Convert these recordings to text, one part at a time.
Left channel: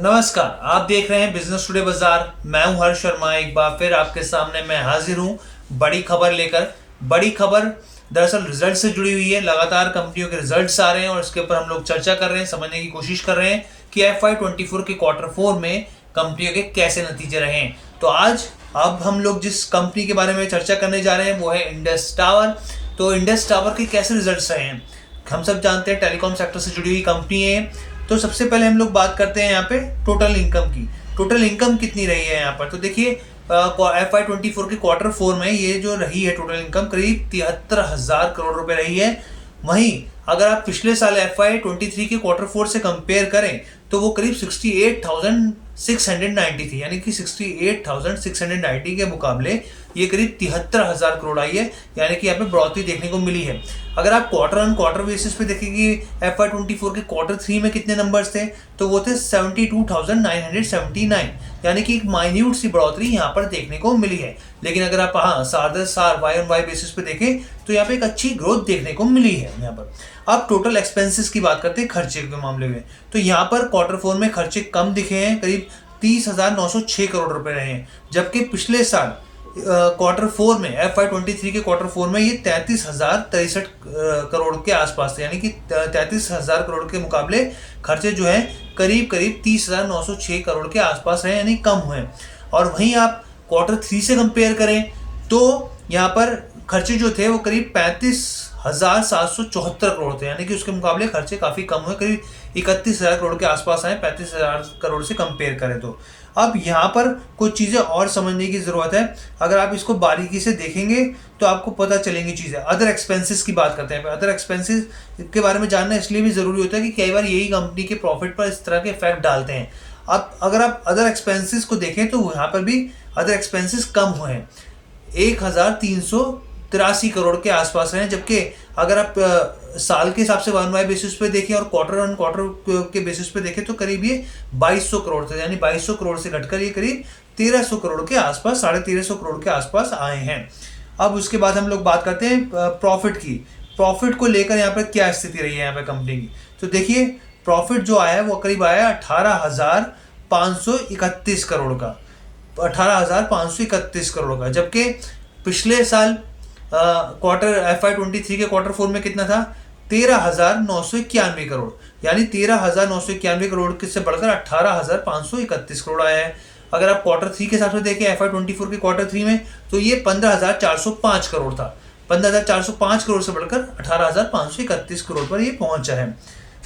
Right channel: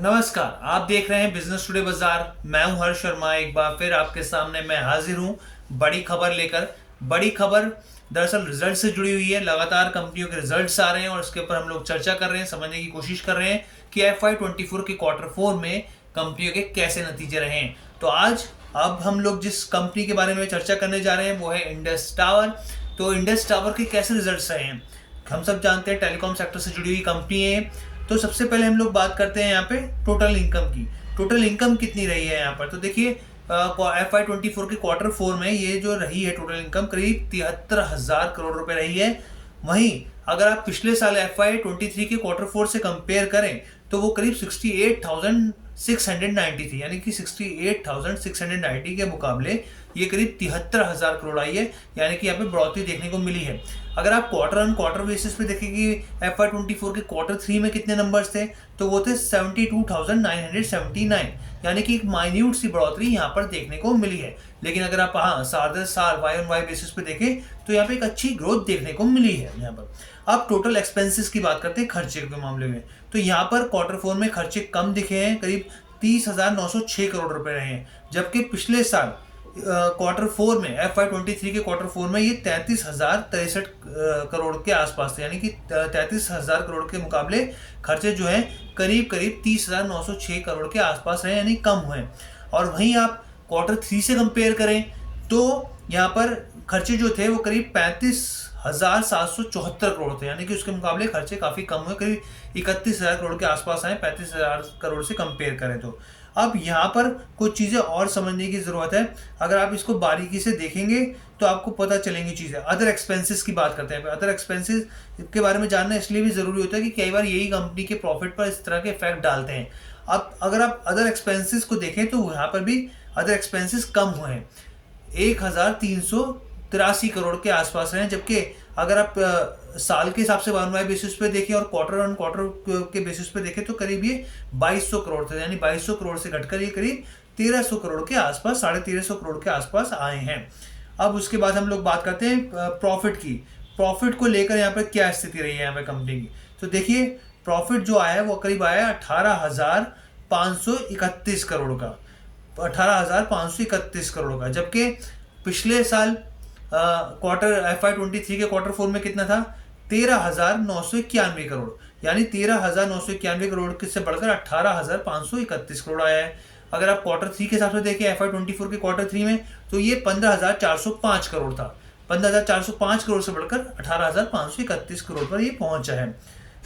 नमस्कार, आप देख रहे हैं बिजनेस टुडे बाजार। मैं हूं हर्ष शर्मा। एक बार फिर आपके सामने मैं हाजिर हूं बड़ी खबर लेकर। बड़ी खबर दरअसल रिजल्ट से जुड़ी हुई है। लगातार कंपनियों के रिजल्ट्स आ रहे हैं और इसके ऊपर हम लोग चर्चा कर रहे हैं, समझने की कोशिश कर रहे हैं कि FY24 के क्वार्टर 4 में कंपनियों के कैसे नतीजे रहे हैं। तो आज अब हम लोग जिस कंपनी के बारे में चर्चा करने जा रहे हैं वो है इंडस टावर। तो इंडस टावर के कैसे रिजल्ट्स रहे हैं, हम सब जानते हैं टेलीकॉम सेक्टर से जुड़ी हुई कंपनी है। तो सबसे पहले हम लोग बात करते हैं यहाँ पे टोटल इनकम की। टोटल इनकम कितनी रही है यहाँ पर, तो देखिए FY24 के क्वार्टर 4 में ये जो रही है टोटल इनकम करीब 73,000 करोड़ रुपए रही है। वहीं अगर आप पिछले साल FY23 के क्वार्टर 4 से कंपेयर करें तो वो करीब 68,690 थी, यानी कि 68,690 के मुकाबले ये करीब 73,000 करोड़ आई है, यानी कि यहाँ पे बढ़ोतरी देखने को मिली है। अगर आप क्वार्टर ऑन क्वार्टर बेसिस पे देखेंगे FY24 के क्वार्टर 3 में कितने नंबर्स थे, तो वो थे 72,979, यानी कि एक माइन्यूट सी बढ़ोतरी यहाँ पर देखने को मिली है। लेकिन अगर आप सार वाई ऑन वाई बेसिस पे देखें तो यहाँ पे एक अच्छी ग्रोथ देखने को मिली है। यहाँ पर अब टोटल एक्सपेंसेस की बात करते हैं, खर्चे के मामले में, तो यहाँ पर क्वार्टर 4 में खर्चे कम दिखे हैं, करीब 30,906 करोड़ रुपए रहे हैं। जबकि पिछले साल क्वार्टर 4 में FY23 के क्वार्टर 4 में ये 33,063 करोड़ के आसपास थे, यानी कि 33,000 करोड़ के मुकाबले खर्चे जो हैं करीब करीब 30,906 करोड़ के आसपास हैं, यानी कम हुए। और वहीं आप क्वार्टर 3 से कंपेयर करें तो यहाँ पर खर्चे जो थे वो करीब 35,774 करोड़ थे, यानी कि उसके मुकाबले खर्चे काफ़ी कम हुए, करीब 31,000 करोड़ के आसपास आए 35,000 करोड़ से कंपेयर करें तो। अब यहाँ पर कुछ चीज़ें और समझने की ज़रूरत है। अगर आप इसको बारीकी से देखेंगे तो आपको पता चलेंगी चीज़ें। अदर एक्सपेंसेस की बात करते हैं। अदर एक्सपेंसेस के बारे में जानना इसलिए भी ज़रूरी होता है कि कई बार यही कंपनी के प्रॉफिट पर इस तरह के इफेक्ट डालते हैं। अब अगर आप अदर एक्सपेंसेस को देखें तो यहाँ पर भी अदर एक्सपेंसेस कम हुए हैं, 1,383 करोड़ के आसपास हैं। जबकि अगर आप साल के हिसाब से वन वाई बेसिस पे देखें और क्वार्टर ऑन क्वार्टर के बेसिस पे देखें तो करीब ये 2,200 करोड़ थे, यानी 2,200 करोड़ से घटकर ये करीब 1,300 करोड़ के आसपास, 1,350 करोड़ के आसपास आए हैं। अब उसके बाद हम लोग बात करते हैं प्रॉफिट की। प्रॉफिट को लेकर यहाँ पर क्या स्थिति रही है यहाँ पे कंपनी की, तो देखिए प्रॉफिट जो आया है वो करीब आया 18,531 करोड़ का, 18,531 करोड़ का। जबकि पिछले साल FY23 के क्वार्टर 4 में कितना था, 13,991 करोड़, यानी 13,991 करोड़ से बढ़कर 18,531 करोड़ आया है। अगर आप क्वार्टर 3 के हिसाब से देखें FY24 के क्वार्टर 3 में तो ये 15,405 करोड़ था, 15,405 करोड़ से बढ़कर 18,531 करोड़ पर ये पहुंचा है।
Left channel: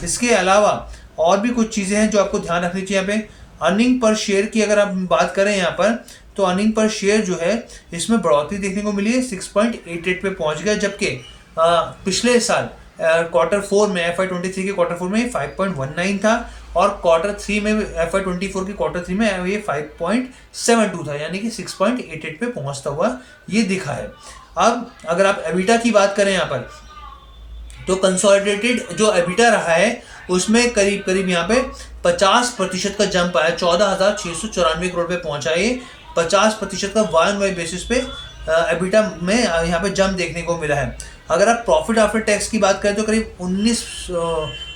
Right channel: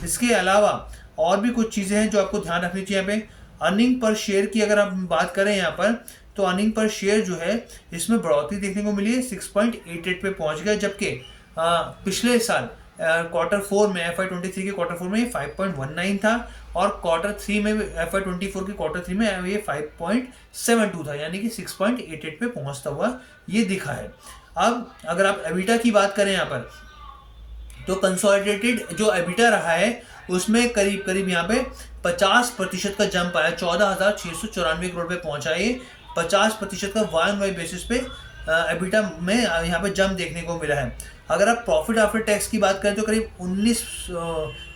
इसके अलावा और भी कुछ चीज़ें हैं जो आपको ध्यान रखनी चाहिए। यहाँ पे अर्निंग पर शेयर की अगर आप बात करें यहाँ पर तो अर्निंग पर शेयर जो है इसमें बढ़ोतरी देखने को मिली है, 6.88 पे पहुंच गया। जबकि पिछले साल क्वार्टर 4 में FY23 के क्वार्टर 4 में 5.19 था और क्वार्टर 3 में FY24 के क्वार्टर 3 में ये 5.72 था, यानी कि 6.88 पे पहुंचता हुआ ये दिखा है। अब अगर आप एबिटा की बात करें यहाँ पर तो कंसोलिडेटेड जो एबिटा रहा है उसमें करीब करीब यहाँ पे 50% का जंप आया, 14,694 करोड़ पे पहुंचा। ये 50% का वाई ऑन वाई बेसिस पे एबिटा में यहाँ पे जंप देखने को मिला है। अगर आप प्रॉफिट आफ्टर टैक्स की बात करें तो करीब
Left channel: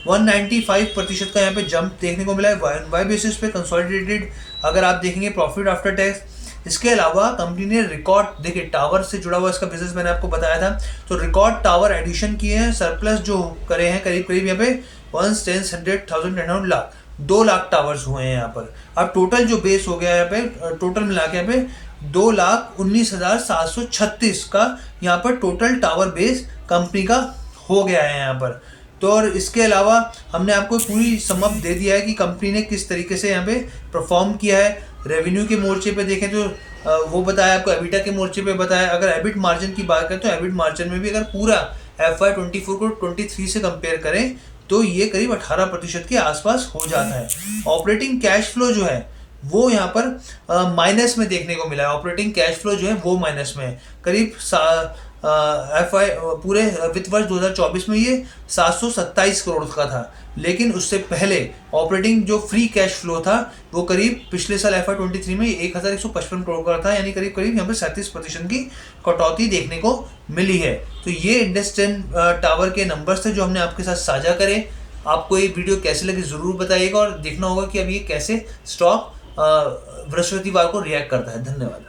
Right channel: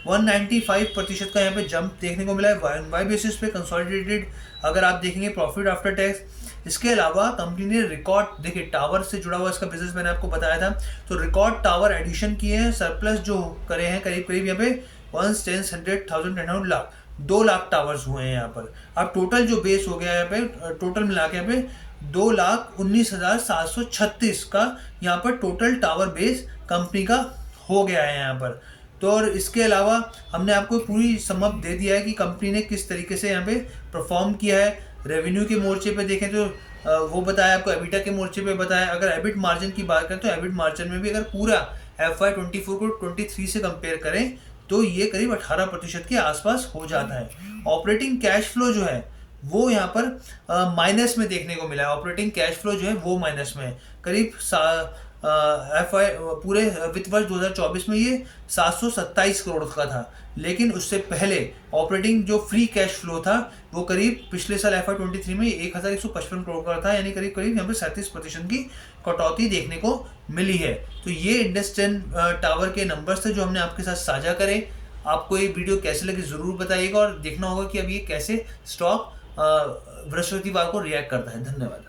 195% का यहाँ पे जंप देखने को मिला है वाई ऑन वाई बेसिस पे कंसोलिडेटेड अगर आप देखेंगे प्रॉफिट आफ्टर टैक्स। इसके अलावा कंपनी ने रिकॉर्ड, देखिए टावर से जुड़ा हुआ इसका बिजनेस मैंने आपको बताया था, तो रिकॉर्ड टावर एडिशन किए हैं, सरप्लस जो करे हैं करीब करीब यहाँ पे 1,100,000 लाख 2 लाख टावर्स हुए हैं यहाँ पर। अब टोटल जो बेस हो गया यहाँ पे, टोटल मिला के यहाँ पे 2,19,736 का यहाँ पर टोटल टावर बेस कंपनी का हो गया है यहाँ पर। तो और इसके अलावा हमने आपको पूरी समअप दे दिया है कि कंपनी ने किस तरीके से यहाँ पे परफॉर्म किया है। रेवेन्यू के मोर्चे पे देखें तो वो बताया आपको, एबिटा के मोर्चे पे बताया। अगर एबिट मार्जिन की बात करें तो एबिट मार्जिन में भी अगर पूरा FY24 को 23 से कंपेयर करें तो ये करीब 18% के आसपास हो जाता है। ऑपरेटिंग कैश फ्लो जो है वो यहाँ पर माइनस में देखने को मिला है। ऑपरेटिंग कैश फ्लो जो है वो माइनस में है, करीब पूरे वित्त वर्ष 2024 में ये 727 करोड़ का था। लेकिन उससे पहले ऑपरेटिंग जो फ्री कैश फ्लो था वो करीब पिछले साल FY23 में 1,155 करोड़ का था, यानी करीब करीब यहाँ पे 37% की कटौती देखने को मिली है। तो ये इंडस टावर के नंबर्स थे जो हमने आपके साथ साझा करे। आपको ये वीडियो कैसे लगी ज़रूर बताइएगा और देखना होगा कि अभी ये कैसे स्टॉक बृहस्पतिवार को रिएक्ट करता है। धन्यवाद।